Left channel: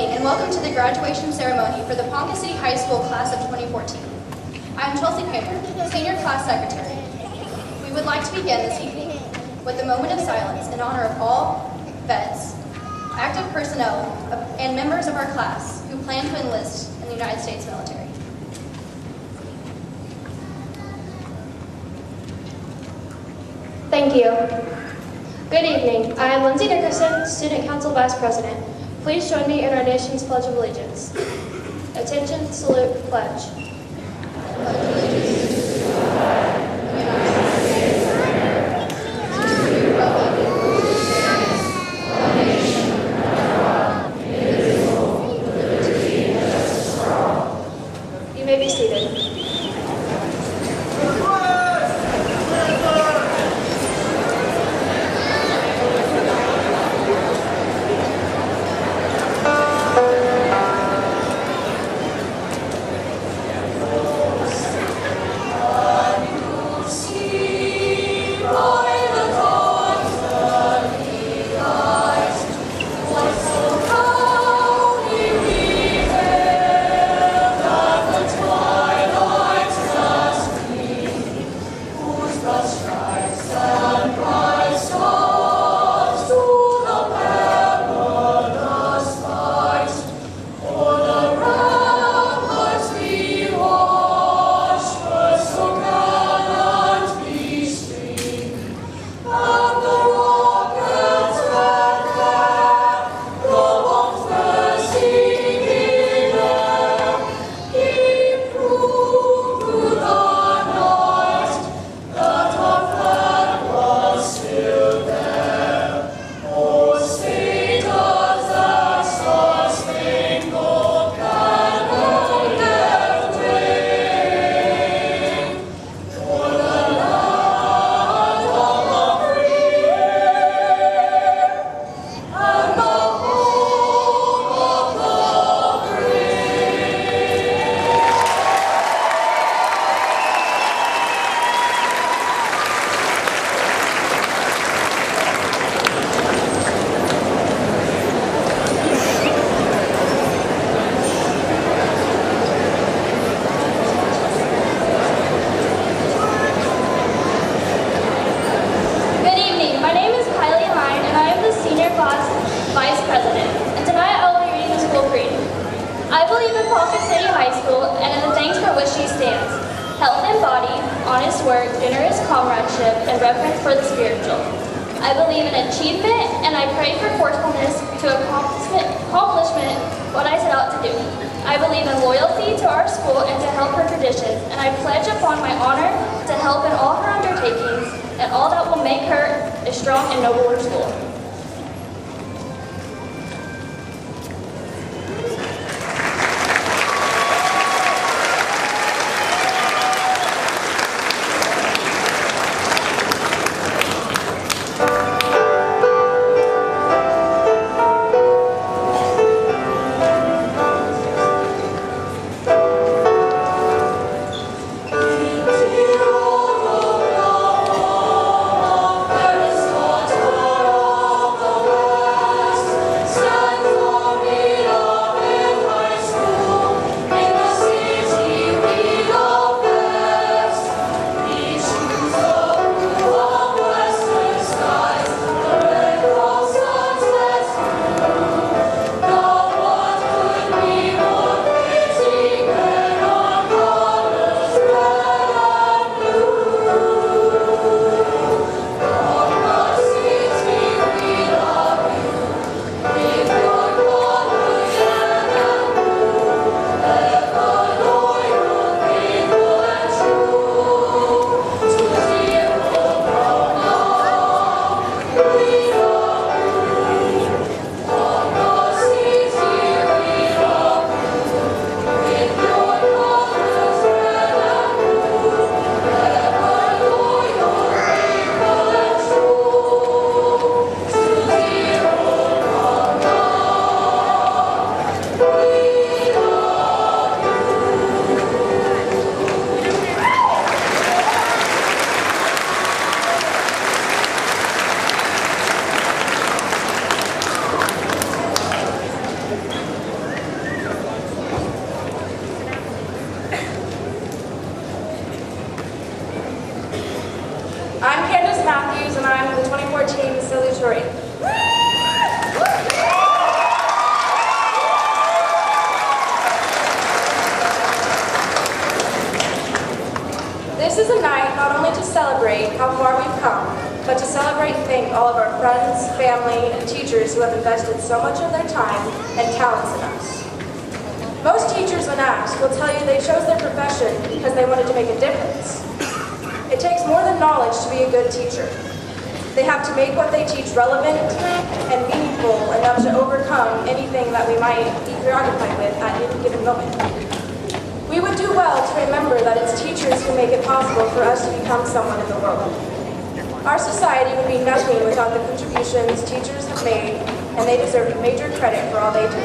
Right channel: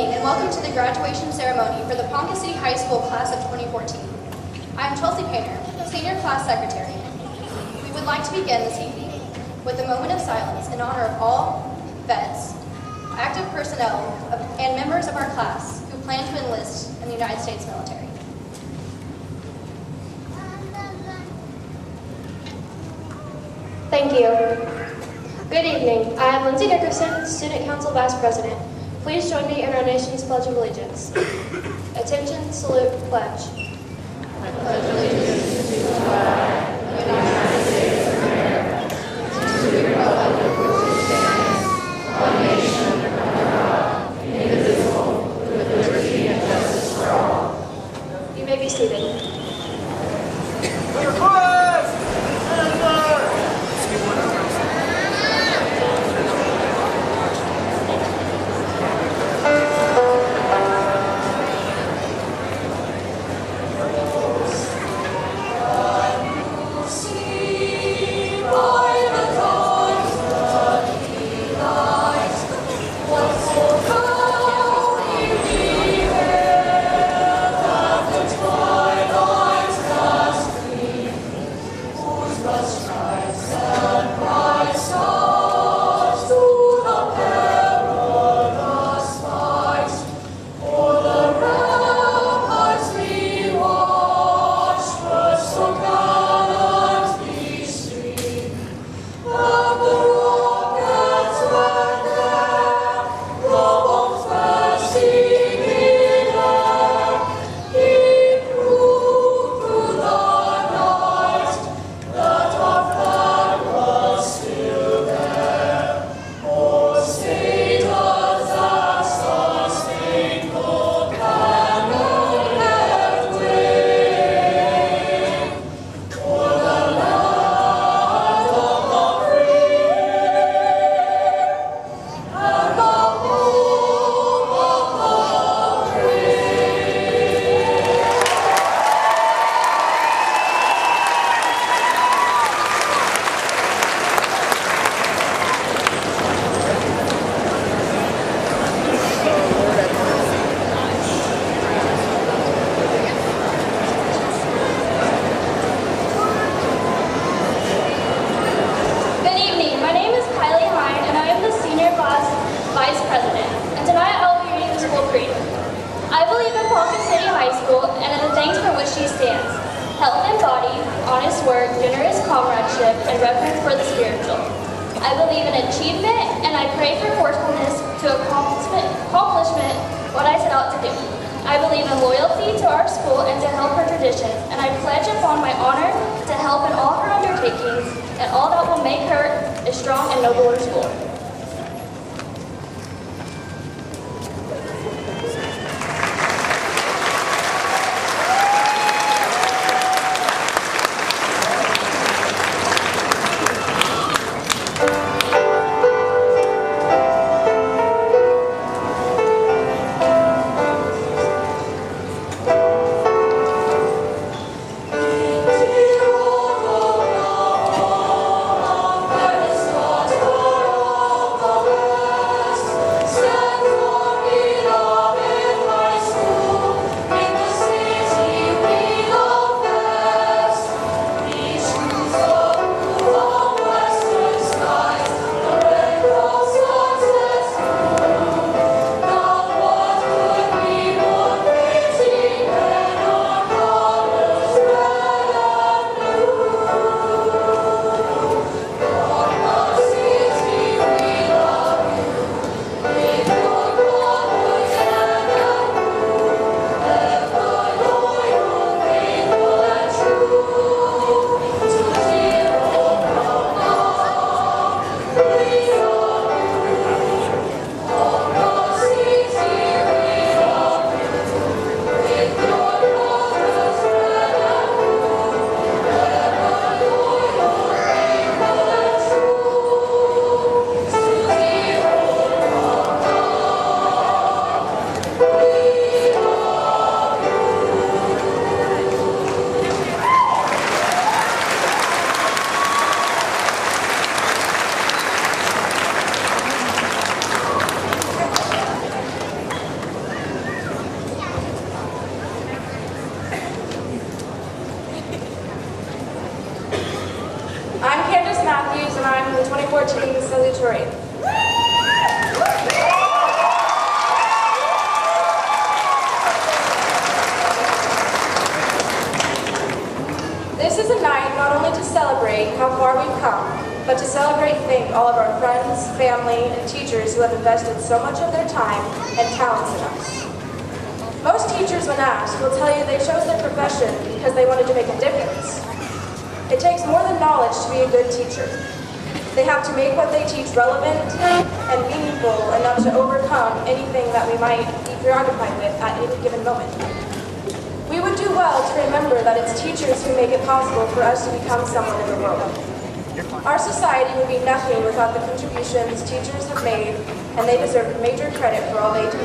evening and welcome to the graduation ceremony for the Ponca City High School class of 2014. I'm Chelsea Painter, Senior Class Secretary. We would like to begin this evening with a moment of silence in honor of all vets, active personnel, and members of our class who plan to enlist in the United States military. Thank you. Good evening. I am Lindsay Dickerson, Student Council Vice President. Please join me in our nation's Pledge of Allegiance. Attention, salute, pledge. I pledge allegiance to the flag of the United States of America, and to the republic for which it stands, one nation, under God, indivisible, with liberty and justice for all. You may be seated. Vice President, and tonight I will be reading the school creed. I believe in Ponca City High School and in the things for which she stands: health in body, honest work, generous comradeship, and reverence for the spiritual. I believe in achievement, and I pray for forcefulness to accomplishment what I set out to do. I believe in loyalty to our school and to help her traditions, and I pledge upon my honor to help in all her undertakings and all that will make her a strong and nobler school. Aristotle. and I'm in the 2014 salutatorian. This is a night not only to celebrate how far we've come, but to celebrate and thank all of our friends, family, and teachers who have invested so much of their time and talents in us. Most teachers, when asked, will tell you they chose their profession because they wanted to make a difference. It takes more than knowledge to be a good teacher. They have to make what they teach relevant and meaningful enough to overcome anything that we might be preoccupied with at any given moment. We would do well to remember that it's teachers who make it possible for us to become someone in the world. Our society would be nothing without the contributions teachers have made, and they deserve major credit for all they do.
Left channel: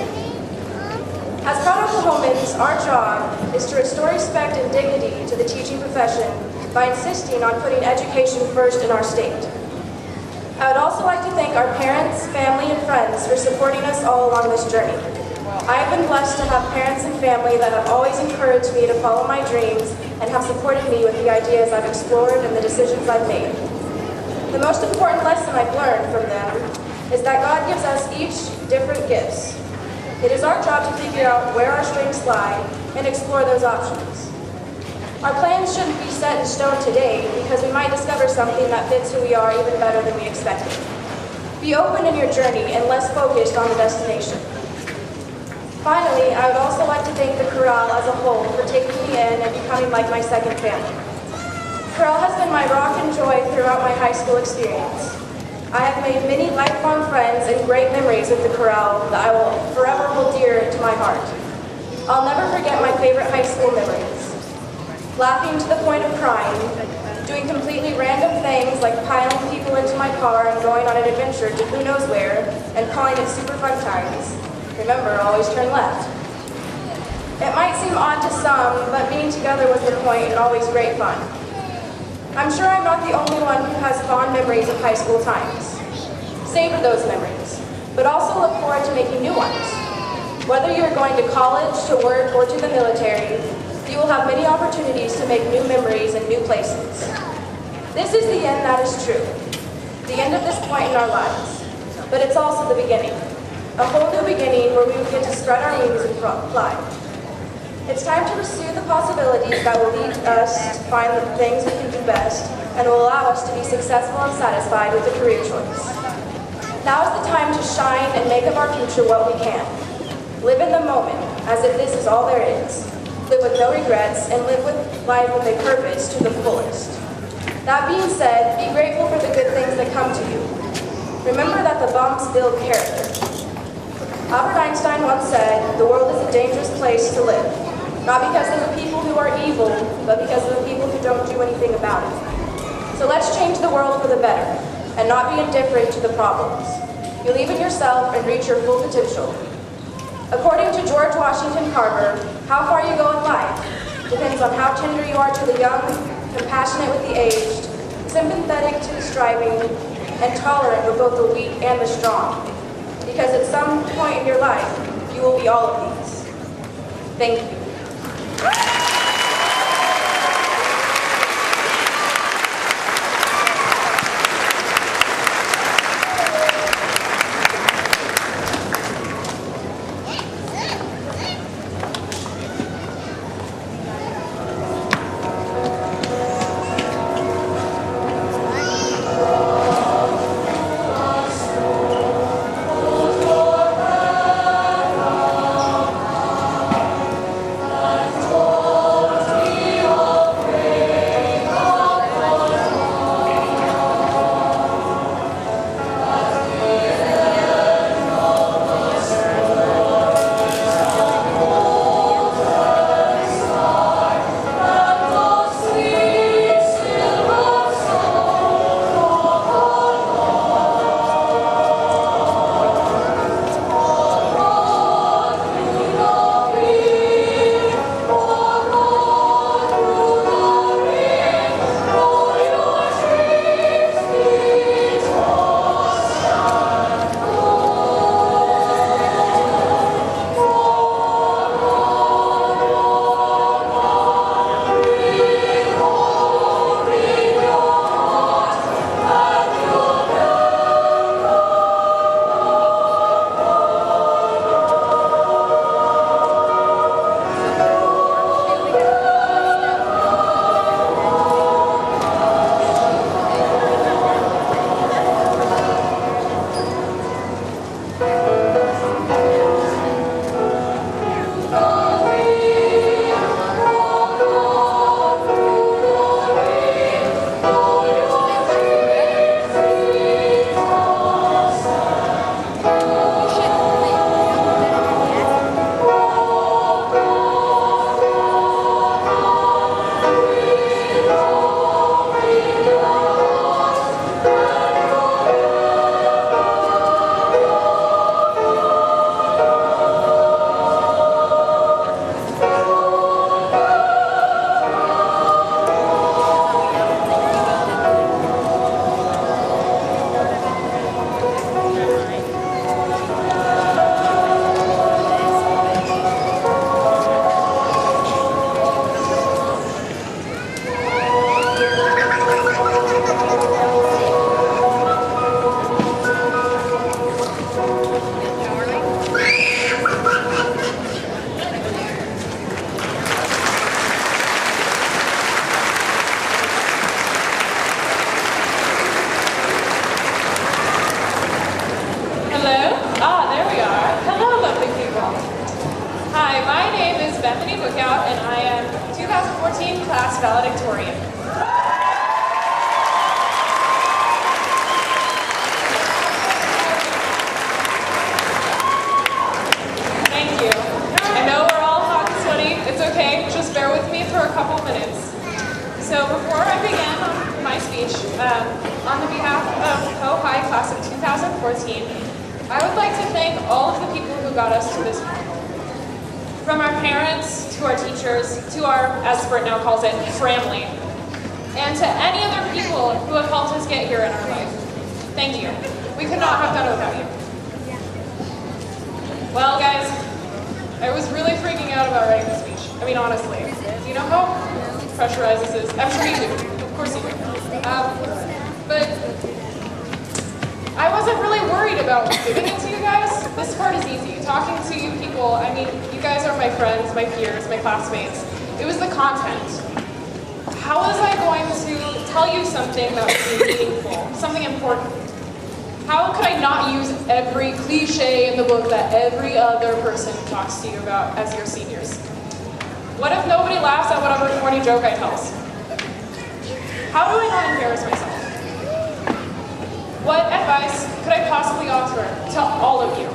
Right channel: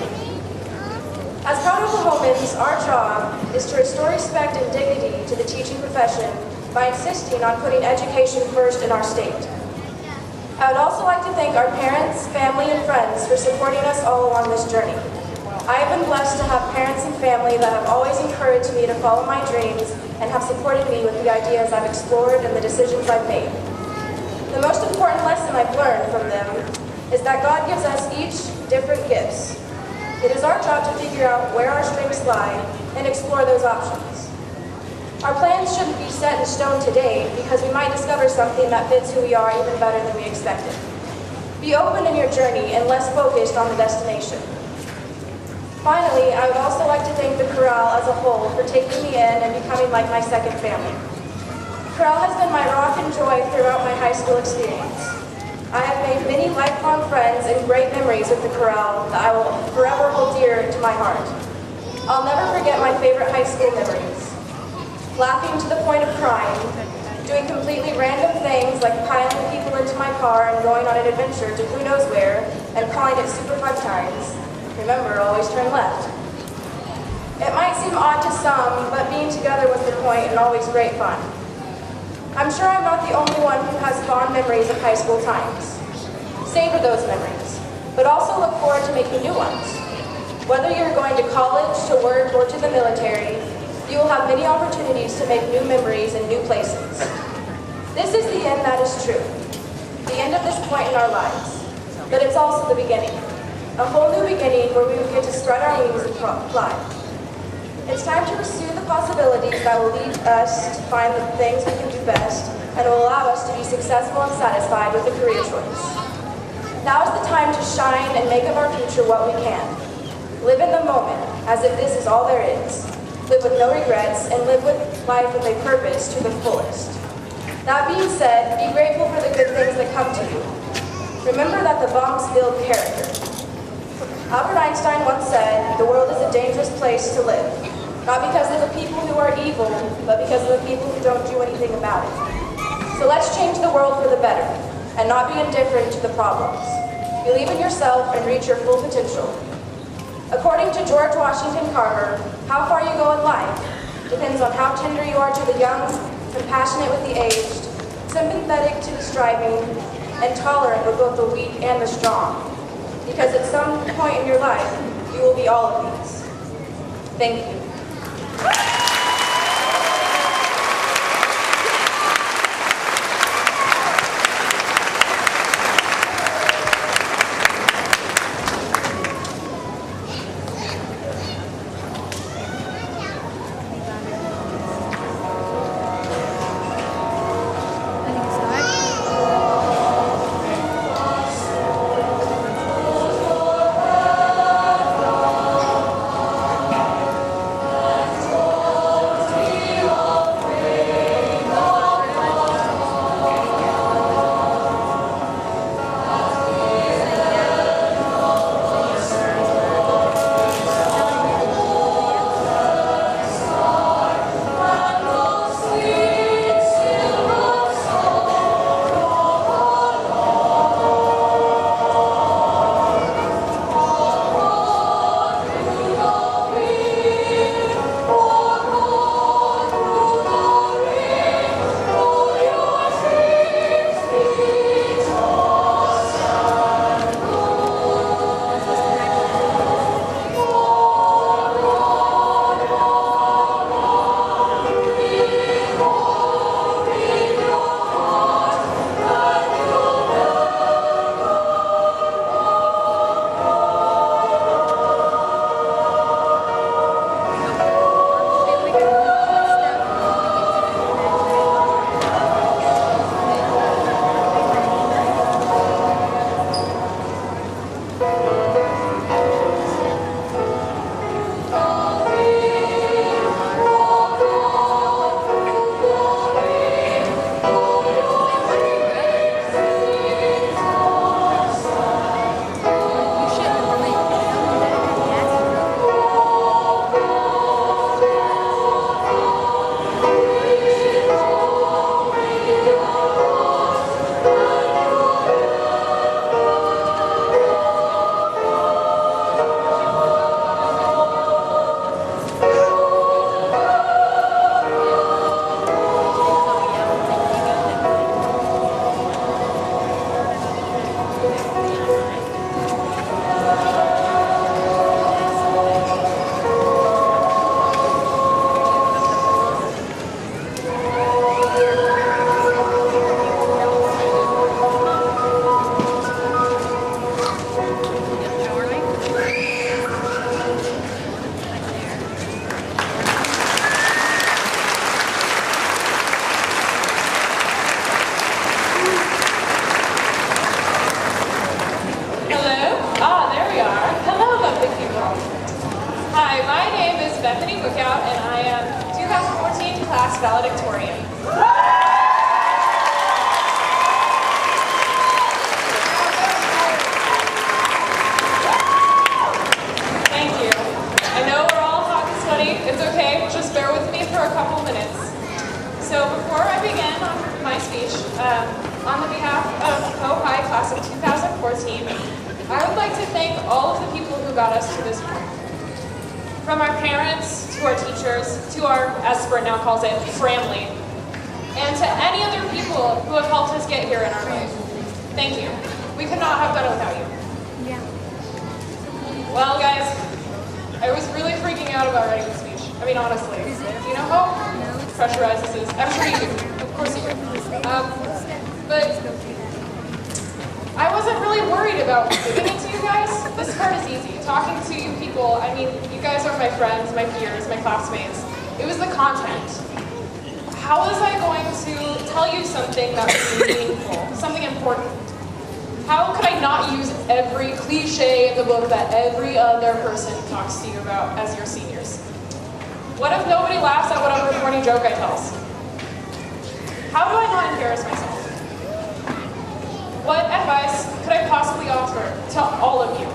As proud Oklahomans, our job is to restore respect and dignity to the teaching profession by insisting on putting education first in our state. I would also like to thank our parents, family, and friends for supporting us all along this journey. I have been blessed to have parents and family that have always encouraged me to follow my dreams and have supported me with the ideas I've explored and the decisions I've made. The most important lesson I've learned from them is that God gives us each different gifts. It is our job to figure out where our strengths lie and explore those options. Our plans shouldn't be set in stone today because we might discover something that fits who we are even better than we expected. Be open in your journey and less focused on the destination. Finally, I would also like to thank the Chorale as a whole for taking me in and becoming like my second family. Chorale has been my rock and joy throughout my high school experience. I have made many lifelong friends and great memories with the Chorale that I will forever hold dear to my heart. I'll never forget my favorite high school memories. Laughing to the point of crying, doing completely random things like piling people into my car and going on an adventure to who knows where, and calling it super fun times. Remember, always turn left. It might seem odd to some, but being together was the point and always great fun. I'm sure I'm not the only one who has fond memories of high school times. Savor those memories, but also look forward to making new ones. Whether you're going to college, to work, or to the military, you will have many opportunities to make new memories in new places. This is the end that is true, the end of this point in our lives, but it's also the beginning. A whole new beginning where we will get to spread our wings and fly. It's time to pursue the possibilities that will lead us to find the things we can do best and will allow us to be successful and satisfied with a career choice. Now is the time to shine and make of our future what we can. Live in the moment as if this is all there is. Live with no regrets and live with life with a purpose to the fullest. That being said, be grateful for the good things that come to you. Remember that the bumps build character. Albert Einstein once said, "The world is a dangerous place to live, not because of the people who are evil, but because of the people who don't do anything about it." So let's change the world for the better, and not be indifferent to the problems. Believe in yourself and reach your full potential. According to George Washington Carver, how far you go in life depends on how tender you are to the young, compassionate with the aged, sympathetic to the striving, and tolerant with both the weak and the strong. Because at some point in your life, you will be all of these. Thank you. Bethany Bookout, and I am 2014 class valedictorian. Thank you. I know we're all hot and sweaty. It's okay. Just bear with me for a couple minutes. So before I begin on my speech, on the behalf of Ho High class of 2014, I would like to thank all of the people who got us to this point. From our parents, to our teachers, to our, as Sprint now calls it, family, and to any other people who have helped us get here in our life. Thank you. We could not have done it without you. Well, guys, I was really freaking out about writing the speech. I mean, honestly. Do you know how pressurized this is? I'm sure you do. Of course you do. But I wasn't really worried about giving it to you guys. This part is easy. Talking to you people, I mean, you guys are my friends, my peers, my classmates. It was the content. How was I going to tell you something that would be meaningful, something important? How could I not use every cliche in the book that every other person talks to you about as your seniors? What if nobody laughs at whatever corny joke I tell? How do I not embarrass myself? What advice could I possibly offer to all of you?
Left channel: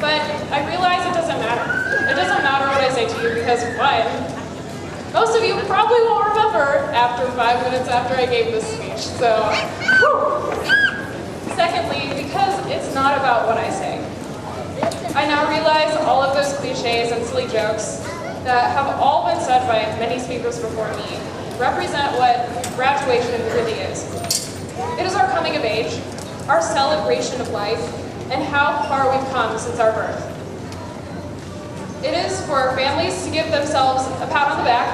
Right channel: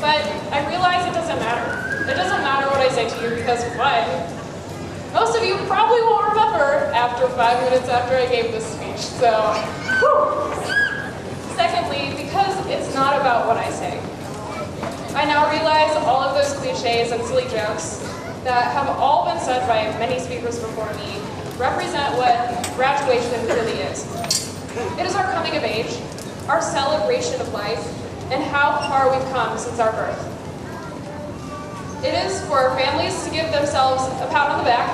But I realize it doesn't matter. It doesn't matter what I say to you because, one, most of you probably won't remember after 5 minutes after I gave this speech, so, whew. Secondly, because it's not about what I say. I now realize all of those cliches and silly jokes that have all been said by many speakers before me represent what graduation really is. It is our coming of age, our celebration of life, and how far we've come since our birth. It is for families to give themselves a pat on the back,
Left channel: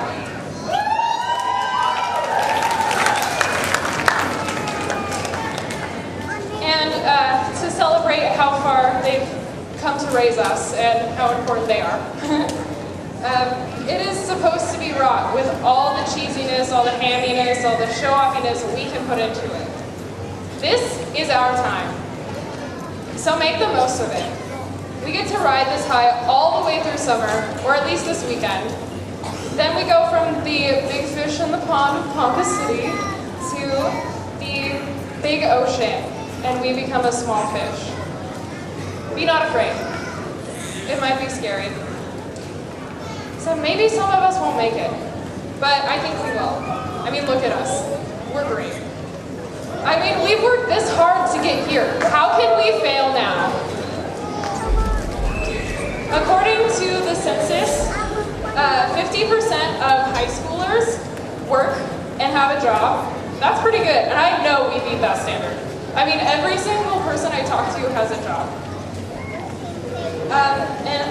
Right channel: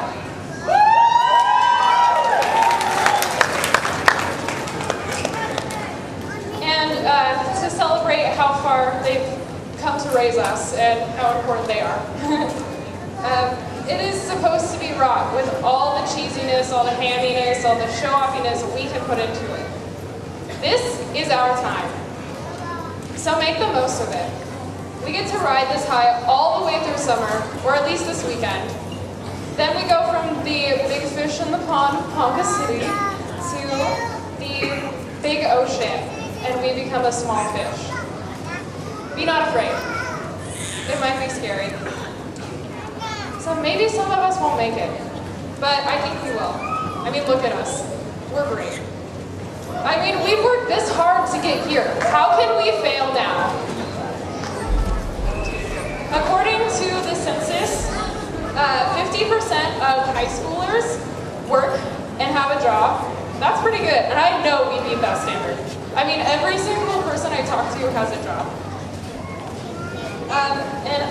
and to celebrate how far they've come to raise us and how important they are. It is supposed to be wrought with all the cheesiness, all the hamminess, all the show-offiness we can put into it. This is our time, so make the most of it. We get to ride this high all the way through summer, or at least this weekend. Then we go from the big fish in the pond of Ponca City to the big ocean, and we become a small fish. Be not afraid. It might be scary. So maybe some of us won't make it, but I think we will. I mean, look at us. We're great. I mean, we've worked this hard to get here. How can we fail now? According to the census, 50% of high schoolers work and have a job. That's pretty good, and I know we beat that standard. I mean, every single person I talk to has a job. And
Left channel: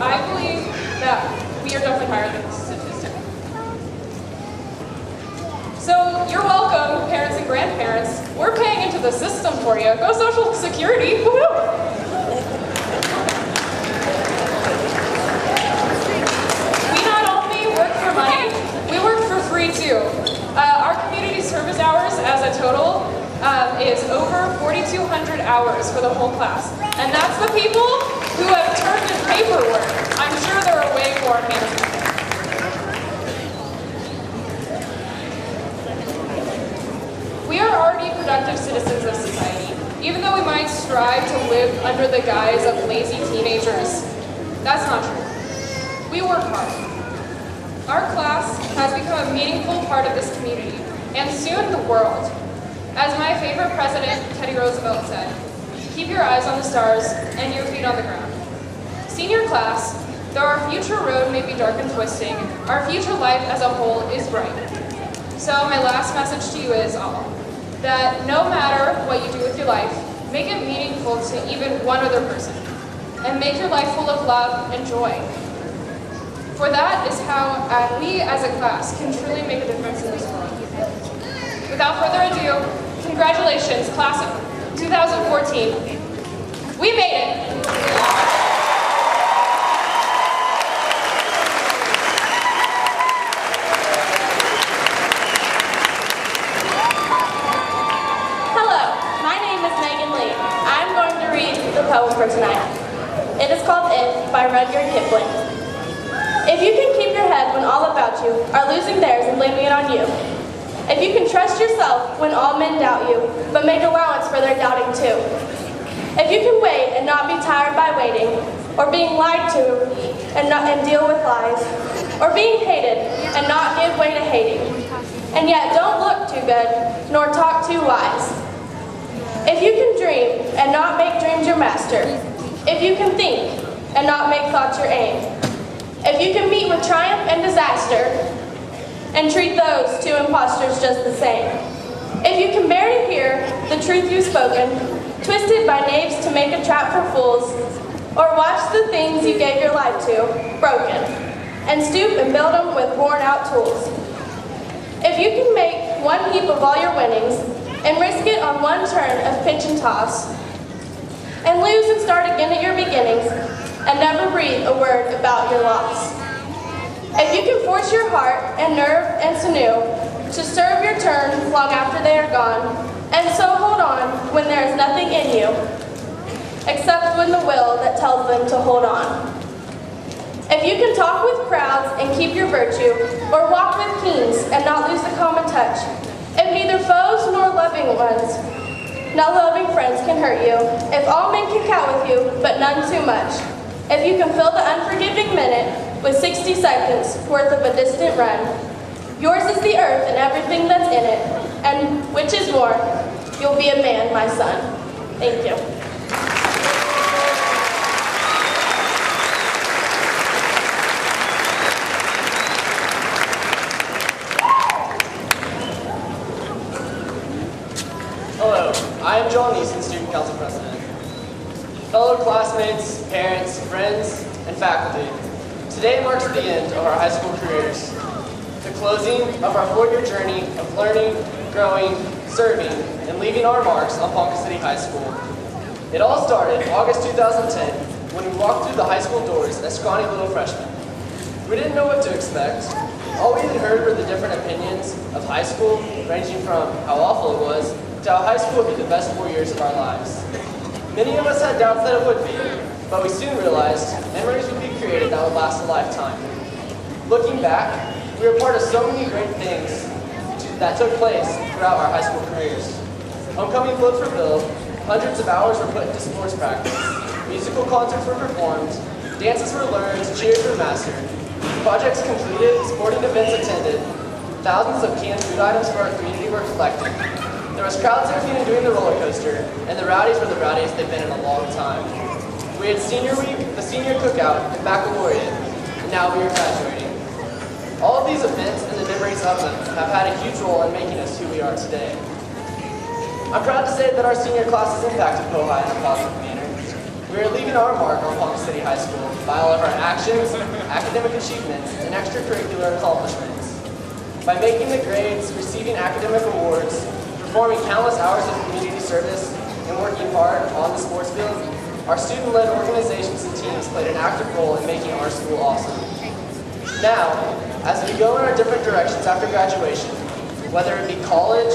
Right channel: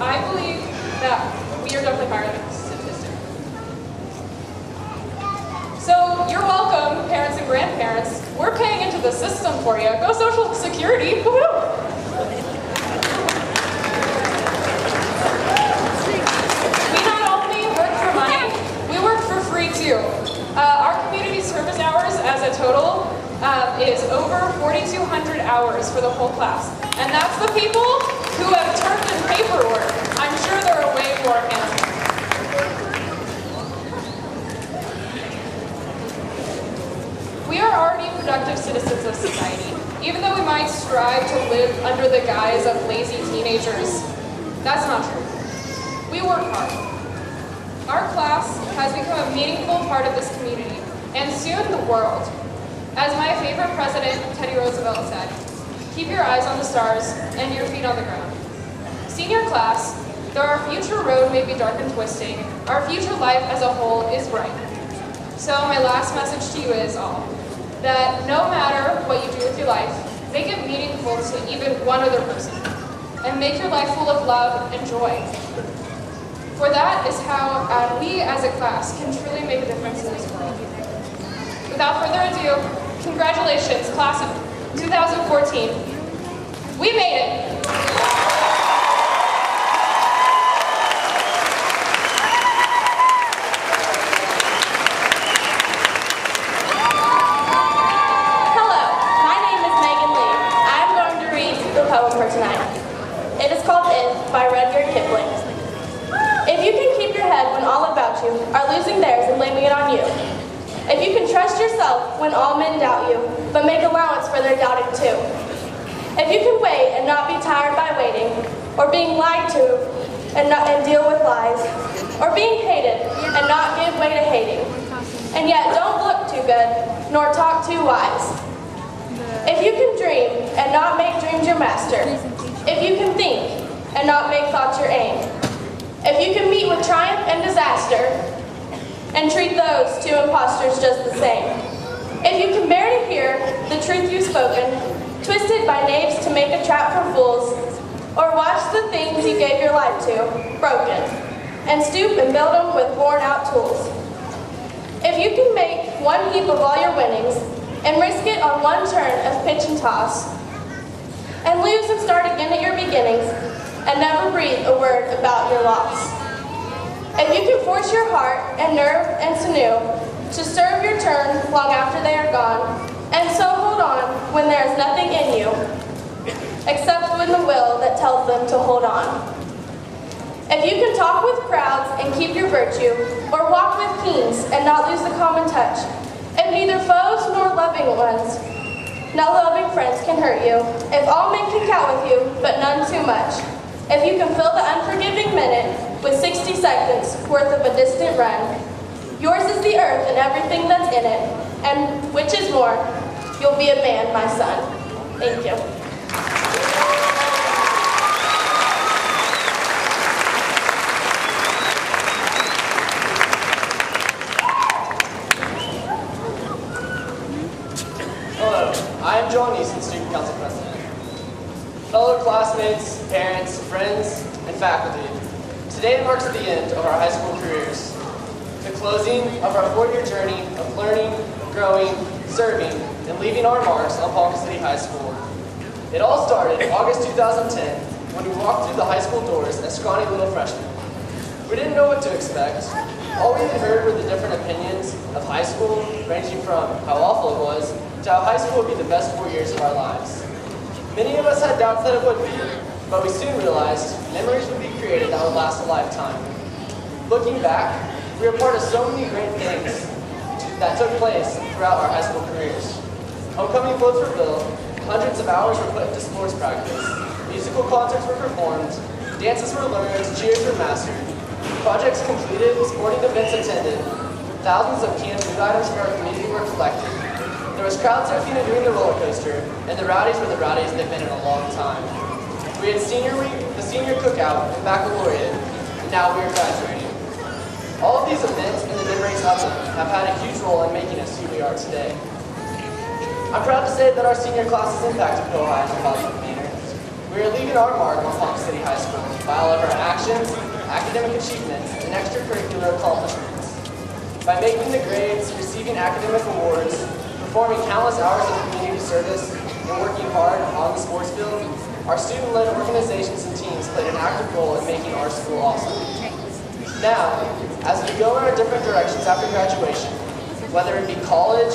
I believe that we are definitely higher than this statistic. So you're welcome, parents and grandparents. We're paying into the system for you. Go Social Security. Woo-hoo! We not only work for money, we work for free too. Our community service hours as a total is over 4,200 hours for the whole class. And that's the people who have turned in paperwork. I'm sure there are way more hands. We are already productive citizens of society, even though we might strive to live under the guise of lazy teenagers. That's not true. We work hard. Our class has become a meaningful part of this community, and soon the world. As my favorite president, Teddy Roosevelt, said, keep your eyes on the stars and your feet on the ground. Senior class, though our future road may be dark and twisting, our future life as a whole is bright. So my last message to you is all, that no matter what you do with your life, make it meaningful to even one other person, and make your life full of love and joy. For that is how we as a class can truly make a difference in this world. Without further ado, congratulations, class of 2014. We made it! Hello, my name is Megan Lee. I'm going to read the poem for tonight. It is called If by Rudyard Kipling. If you can keep your head when all about you are losing theirs and blaming it on you. If you can trust yourself when all men doubt you, but make allowance for their doubting too. If you can wait and not be tired by waiting, or being lied to and deal with lies, or being hated and not give way to hating, and yet don't look too good, nor talk too wise. If you can dream and not make dreams your master, if you can think and not make thoughts your aim, if you can meet with triumph and disaster, and treat those two impostors just the same, if you can bear to hear the truth you've spoken, twisted by knaves to make a trap for fools, or watch the things you gave your life to, broken, and stoop and build them with worn-out tools. If you can make one heap of all your winnings, and risk it on one turn of pitch and toss, and lose and start again at your beginnings, and never breathe a word about your loss. If you can force your heart and nerve and sinew to serve your turn long after they are gone, and so hold on when there is nothing in you, except when the will that tells them to hold on. If you can talk with crowds and keep your virtue, or walk with kings and not lose the common touch, if neither foes nor loving ones, no loving friends can hurt you, if all men can count with you, but none too much, if you can fill the unforgiving minute with 60 seconds worth of a distant run, yours is the earth and everything that's in it, and which is more, you'll be a man, my son. Thank you. Hello, I am Joel Neeson, Student Council President. Fellow classmates, parents, friends, and faculty, today marks the end of our high school careers, the closing of our 4-year journey of learning, growing, serving, and leaving our marks on Ponca City High School. It all started August 2010 when we walked through the high school doors as scrawny little freshmen. We didn't know what to expect. All we had heard were the different opinions of high school, ranging from how awful it was to how high school would be the best 4 years of our lives. Many of us had doubts that it would be, but we soon realized memories would be created that would last a lifetime. Looking back, we were part of so many great things that took place throughout our high school careers. Homecoming floats were built, hundreds of hours were put into sports practice, musical concerts were performed, dances were learned, cheers were mastered, projects completed, sporting events attended, thousands of canned food items for our community were collected. There was crowd surfing and doing the roller coaster, and the rowdies were the rowdiest they've been in a long time. We had senior week, the senior cookout, and baccalaureate, and now we are graduating. All of these events and the memories of them have had a huge role in making us who we are today. I'm proud to say that our senior class has impacted POHI in a positive manner. We are leaving our mark on Ponca City High School by all of our actions, academic achievements, and extracurricular accomplishments. By making the grades, receiving academic awards, performing countless hours of community service, and working hard on the sports field, our student-led organizations and teams played an active role in making our school awesome. Now, as we go in our different directions after graduation, whether it be college,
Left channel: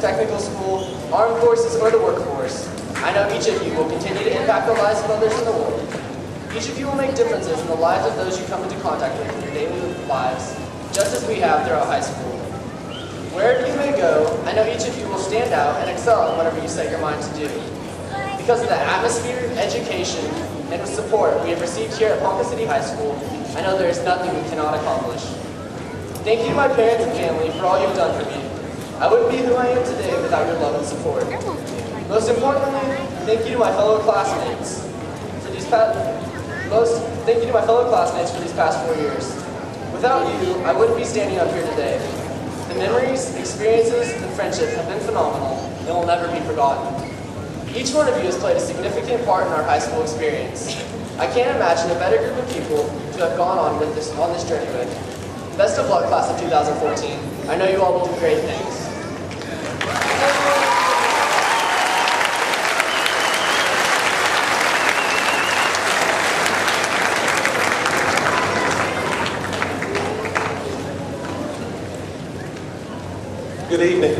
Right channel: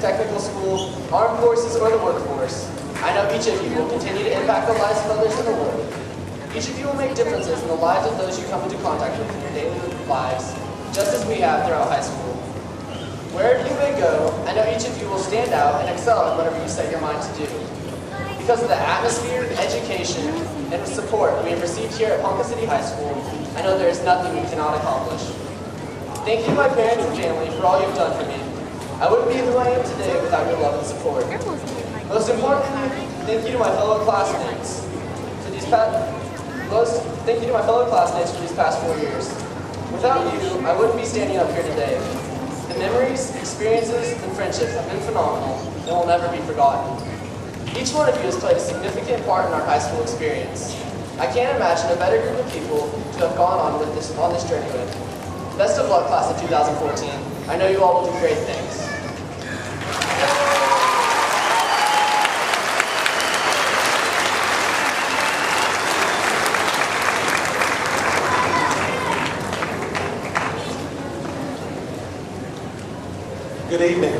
technical school, armed forces, or the workforce, I know each of you will continue to impact the lives of others in the world. Each of you will make differences in the lives of those you come into contact with in your daily lives, just as we have throughout high school. Wherever you may go, I know each of you will stand out and excel in whatever you set your mind to do. Because of the atmosphere, education, and support we have received here at Ponca City High School, I know there is nothing we cannot accomplish. Thank you to my parents and family for all you've done for me. I wouldn't be who I am today without your love and support. Most importantly, thank you to my fellow classmates for these past 4 years. Without you, I wouldn't be standing up here today. The memories, experiences, and friendships have been phenomenal and will never be forgotten. Each one of you has played a significant part in our high school experience. I can't imagine a better group of people to have gone on this journey with. Best of luck, class of 2014. I know you all will do great things. Good evening.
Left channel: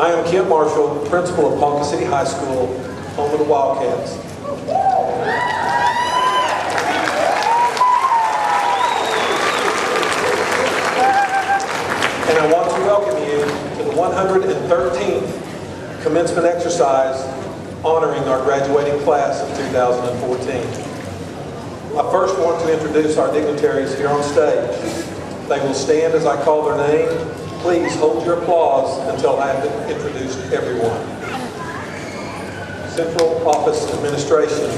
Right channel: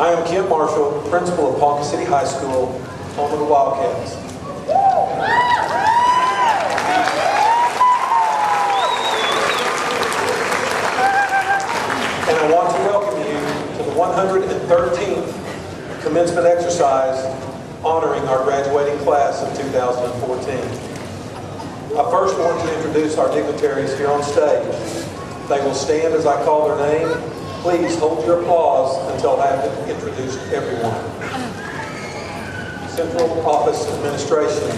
I am Kent Marshall, principal of Ponca City High School, home of the Wildcats. 113th commencement exercise honoring our graduating class of 2014. I first want to introduce our dignitaries here on stage. They will stand as I call their name. Please hold your applause until I have introduced everyone. Central Office Administration,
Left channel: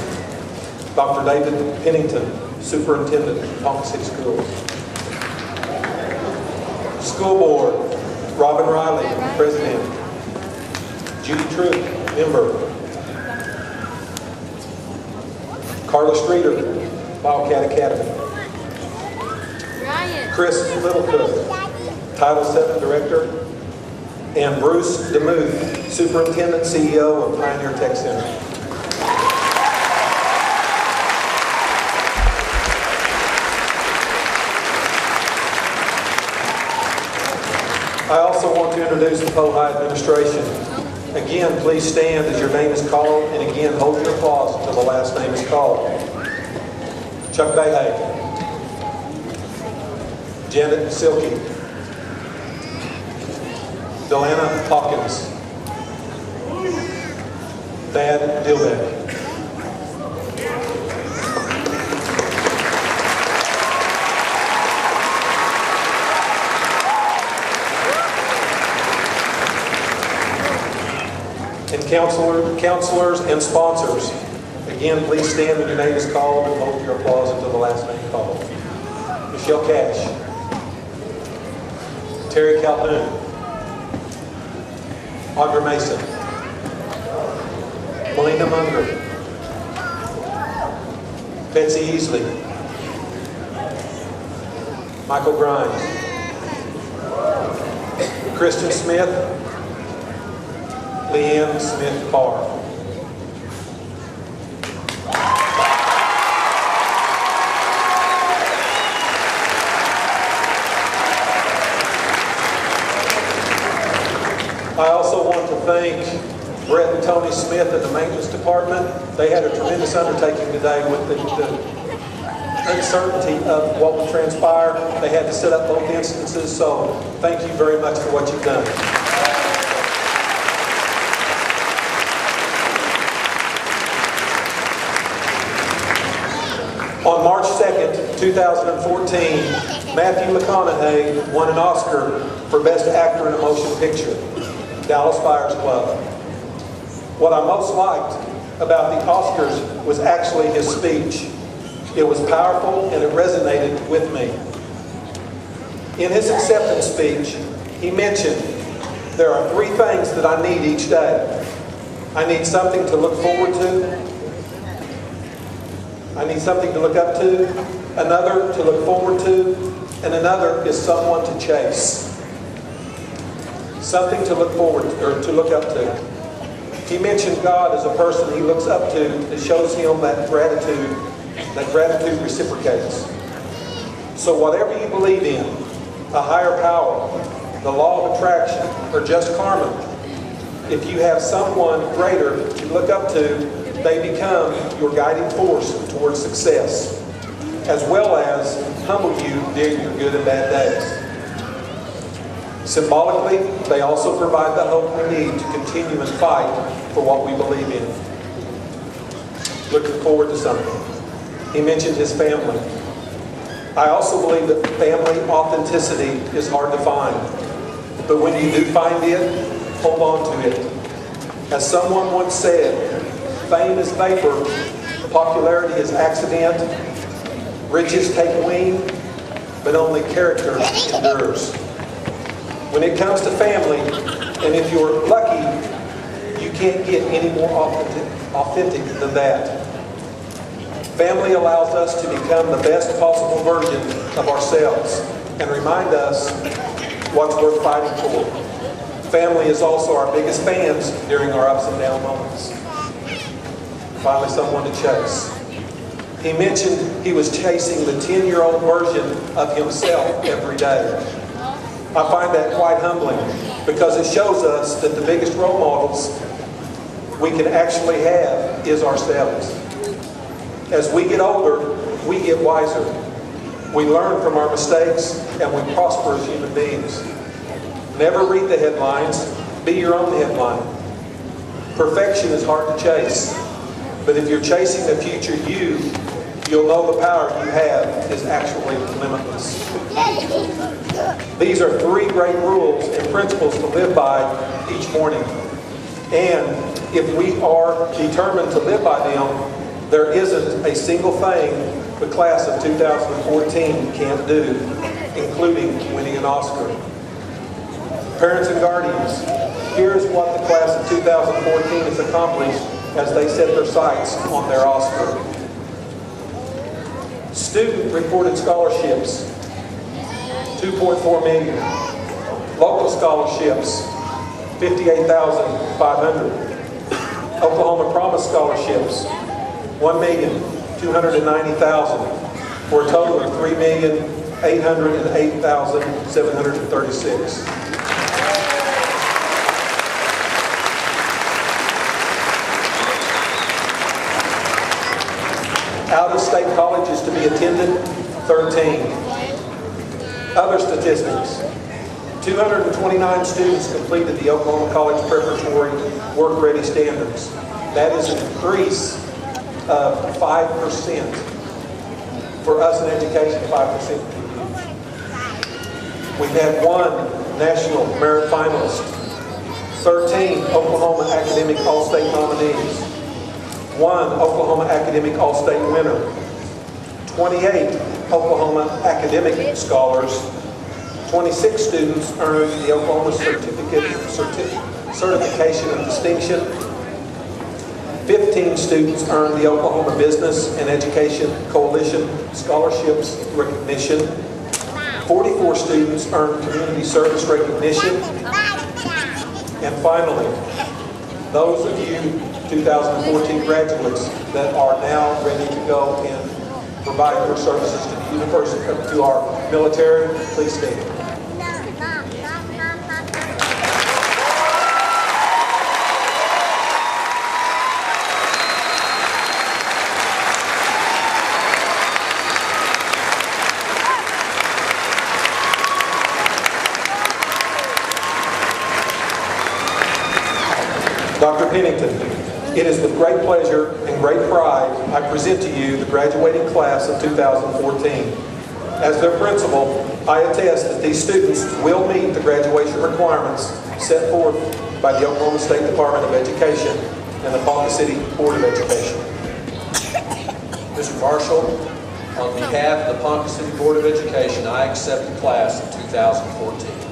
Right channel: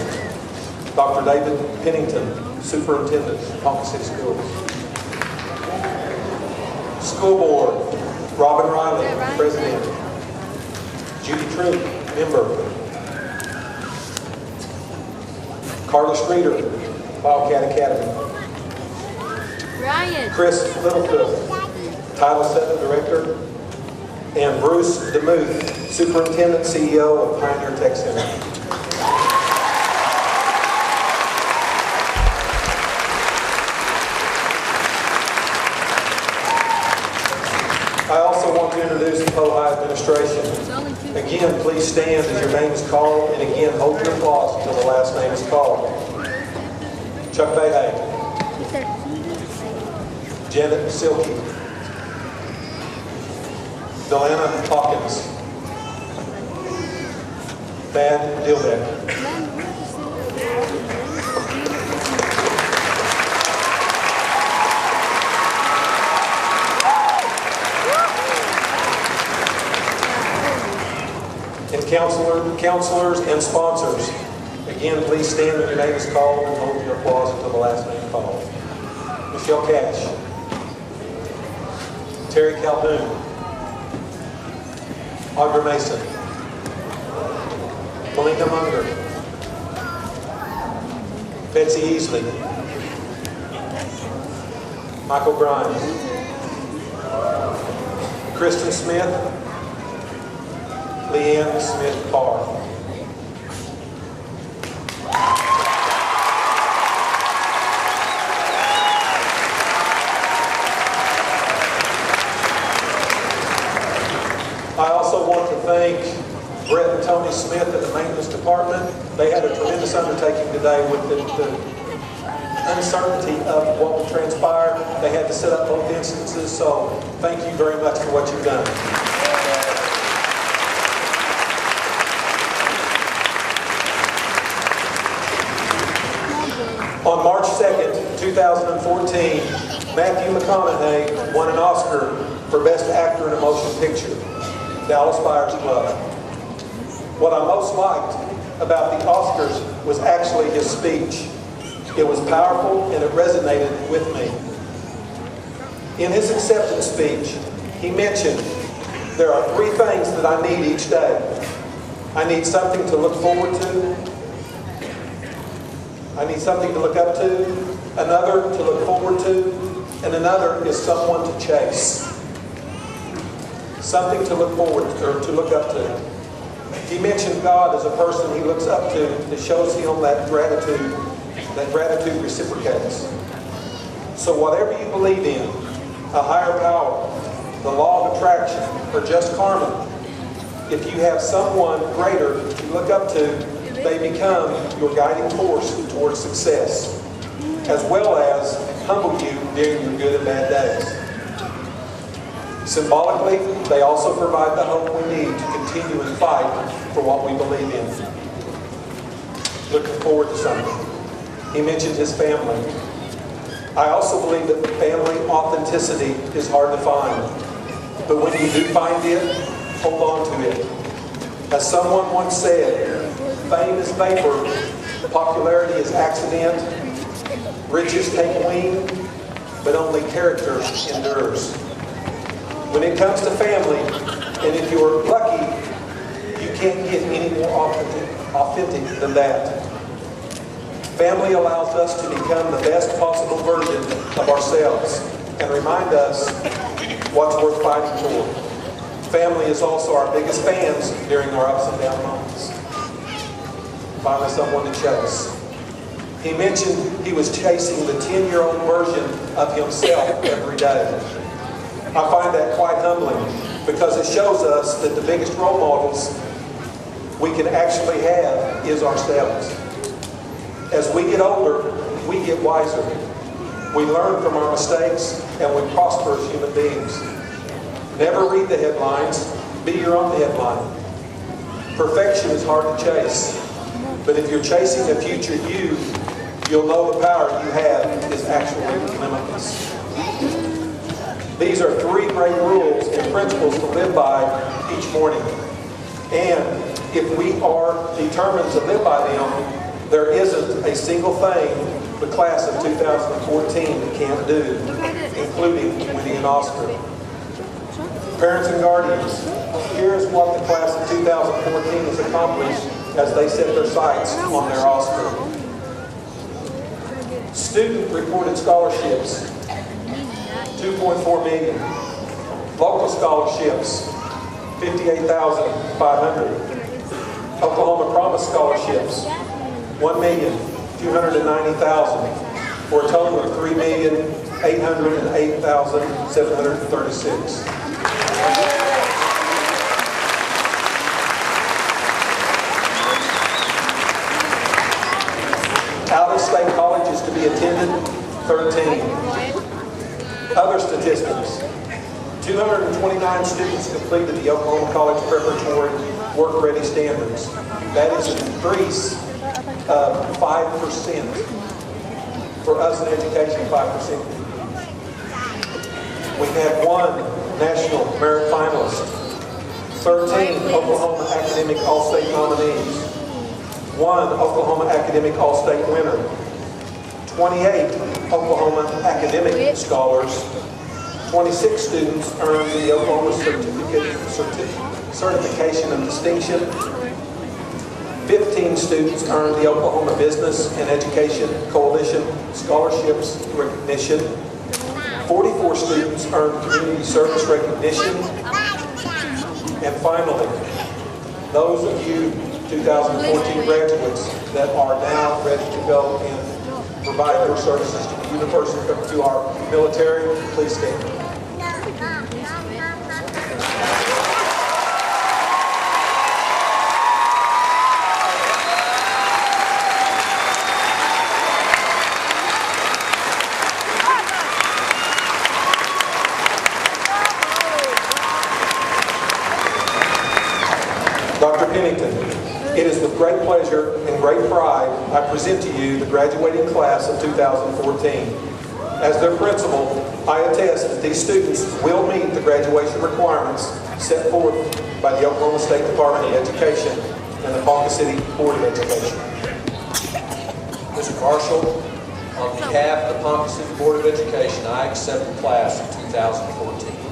Dr. David Pennington, Superintendent, Ponca City Schools. School Board, Robin Riley, President. Judy Troop, Member. Carla Streeter, Wildcat Academy. Chris Littlecook, Title VII Director. And Bruce DeMuth, Superintendent, CEO of Pioneer Tech Center. I also want to introduce the POHI administration. Again, please stand as your name is called, and again, hold your applause until the last name is called. Chuck Behay. Janet Silke. Delana Hawkins. Thad Dilbeck. And counselors and sponsors, again, please stand when your name is called and hold your applause until the last name called. Michelle Cash. Terry Calhoun. Audra Mason. Melina Munger. Betsy Easley. Michael Grimes. Kristen Smith. Leanne Smith Parr. I also want to thank Brett and Tony Smith in the maintenance department. They had a tremendous undertaking today with the uncertainty of what will transpire. They had to set up both instances, so thank you very much for what you've done. On March 2nd, 2014, Matthew McConaughey won an Oscar for Best Actor in a Motion Picture, Dallas Buyers Club. What I most liked about the Oscars was actually his speech. It was powerful and it resonated with me. In his acceptance speech, he mentioned, there are 3 things that I need each day. I need something to look forward to. I need something to look up to, another to look forward to, and another is someone to chase. Something to look forward to, or to look up to. He mentioned God as a person he looks up to that shows him that gratitude reciprocates. So whatever you believe in, a higher power, the law of attraction, or just karma, if you have someone greater to look up to, they become your guiding force towards success, as well as humble you during your good and bad days. Symbolically, they also provide the hope we need to continue and fight for what we believe in. Looking forward to something. He mentioned his family. I also believe that family authenticity is hard to find. But when you do find it, hold on to it. As someone once said, fame is vapor, popularity is accident, riches take wing, but only character endures. When it comes to family, and if you're lucky, you can't get any more authentic than that. Family allows us to become the best possible version of ourselves and remind us what's worth fighting for. Family is also our biggest fans during our ups and down moments. Finally, someone to chase. He mentioned he was chasing the 10-year-old version of himself every day. I find that quite humbling because it shows us that the biggest role models we can actually have is ourselves. As we get older, we get wiser. We learn from our mistakes and we prosper as human beings. Never read the headlines. Be your own headline. Perfection is hard to chase, but if you're chasing the future you'll know the power you have is actually limitless. These are 3 great rules and principles to live by each morning. And if we are determined to live by them, there isn't a single thing the class of 2014 can't do, including winning an Oscar. Parents and guardians, here is what the class of 2014 has accomplished as they set their sights on their Oscar. Student-reported scholarships, 2.4 million. Local scholarships, 58,500. Oklahoma Promise scholarships, 1,290,000, for a total of 3,808,736. Out-of-state colleges to be attended, 13. Other statistics. 229 students completed the Oklahoma College Preparatory Work-Ready Standards. That is an increase of 5%. For us in education, 5% would be huge. We've had 1 National Merit Finalist, 13 Oklahoma Academic All-State nominees, 1 Oklahoma Academic All-State winner, 28 Oklahoma Academic Scholars, 26 students earned the Oklahoma Certification of Distinction, 15 students earned the Oklahoma Business and Education Coalition Scholarships Recognition, 44 students earned Community Service Recognition, and finally, those of you 2014 graduates that are now ready to go and provide your services to the university, to our military, please stand. Dr. Pennington, it is with great pleasure and great pride I present to you the graduating class of 2014. As their principal, I attest that these students will meet the graduation requirements set forth by the Oklahoma State Department of Education and the Ponca City Board of Education. Mr. Marshall, on behalf of the Ponca City Board of Education, I accept the class of 2014.